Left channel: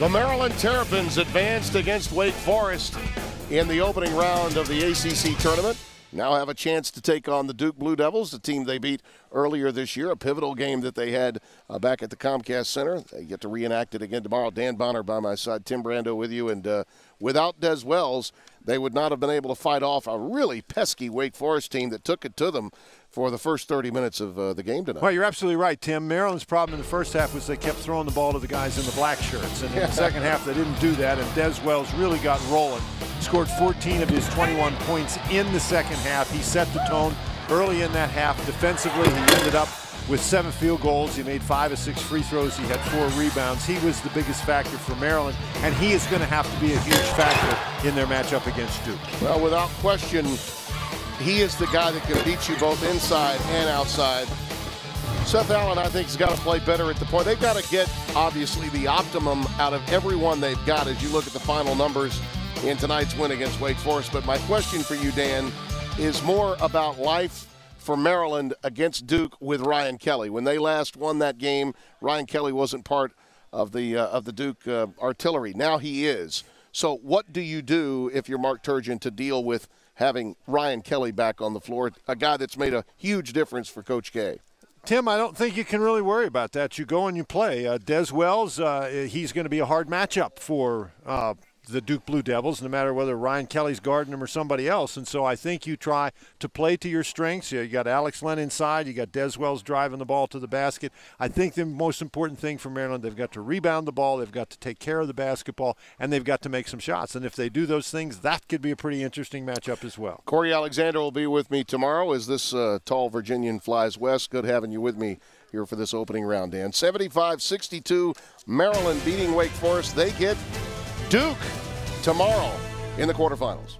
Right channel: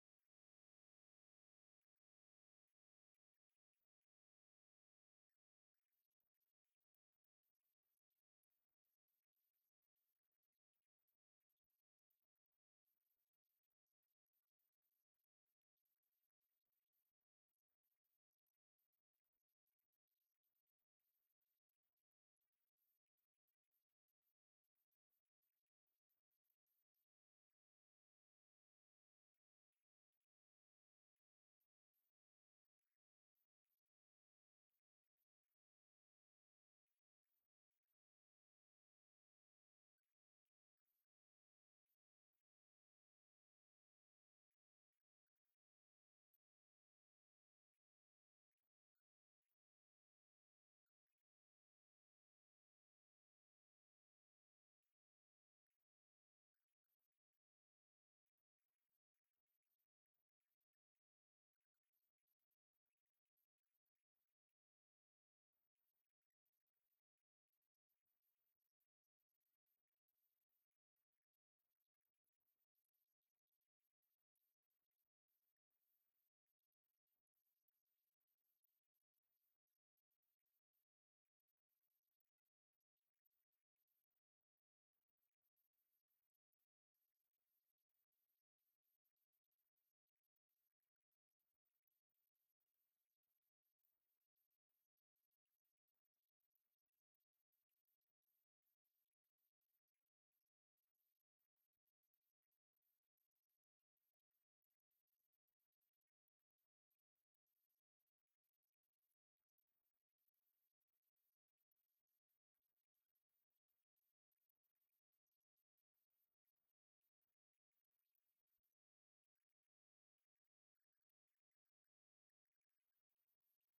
The Maryland Terrapins advanced against Wake Forest in the opening round of the ACC tournament. Now have a chance to take on the Duke Blue Devils, the team they beat earlier this year, a pivotal game that they had back at the Comcast Center. They get to reenact it again tomorrow. Dan Bonner by my side, Tim Brando with you. And without Des Wells, they would not have been able to fight off a really pesky Wake Forest team that took it to them for the first 30 minutes of the game tonight. Well, you're absolutely right, Tim. Maryland's problem in the first half was they kept throwing the ball to the guys in the black shirts. And in the second half, they didn't do that, and Des Wells really got rolling. Scored 14 of his 21 points in the second half. He set the tone early in that half. Defensively, he ended up with 7 field goals. He made 5 of 6 free throws. He had 4 rebounds. He was the biggest factor for Maryland, and he is going to have to be a huge factor in their matchup against Duke. Well, without question, he is the guy that can beat you both inside and outside. Seth Allen, I think, has got to play better at the point. They've got to get, obviously, the optimum out of everyone they've got as you look at the final numbers in tonight's win against Wake Forest. But my question for you, Dan, is more about life for Maryland against Duke with Ryan Kelly. When they last won that game, Ryan Kelly wasn't part of the Duke artillery. Now he is. So what do you do if you're Mark Turgeon to deal with having Ryan Kelly back on the floor, a guy that's made a huge difference for Coach K? Tim, I don't think you can really worry about that. You go and you play. Des Wells, he's going to be a hard matchup for the Duke Blue Devils, no matter whether Ryan Kelly's guarding him or somebody else. And so I think you try to play to your strengths. You got Alex Len inside. You got Des Wells driving the ball to the basket. I think the most important thing for Maryland, they've got to rebound the ball, they've got to take care of the basketball, and they've got to make some shots. And if they do those things, that could be a pretty interesting matchup as well. Corey Alexander will be with me tomorrow as this tall Virginian flies west. Good having you with me here for this opening round, Dan. 75-62, Maryland beating Wake Forest. They get Duke tomorrow in the quarterfinals.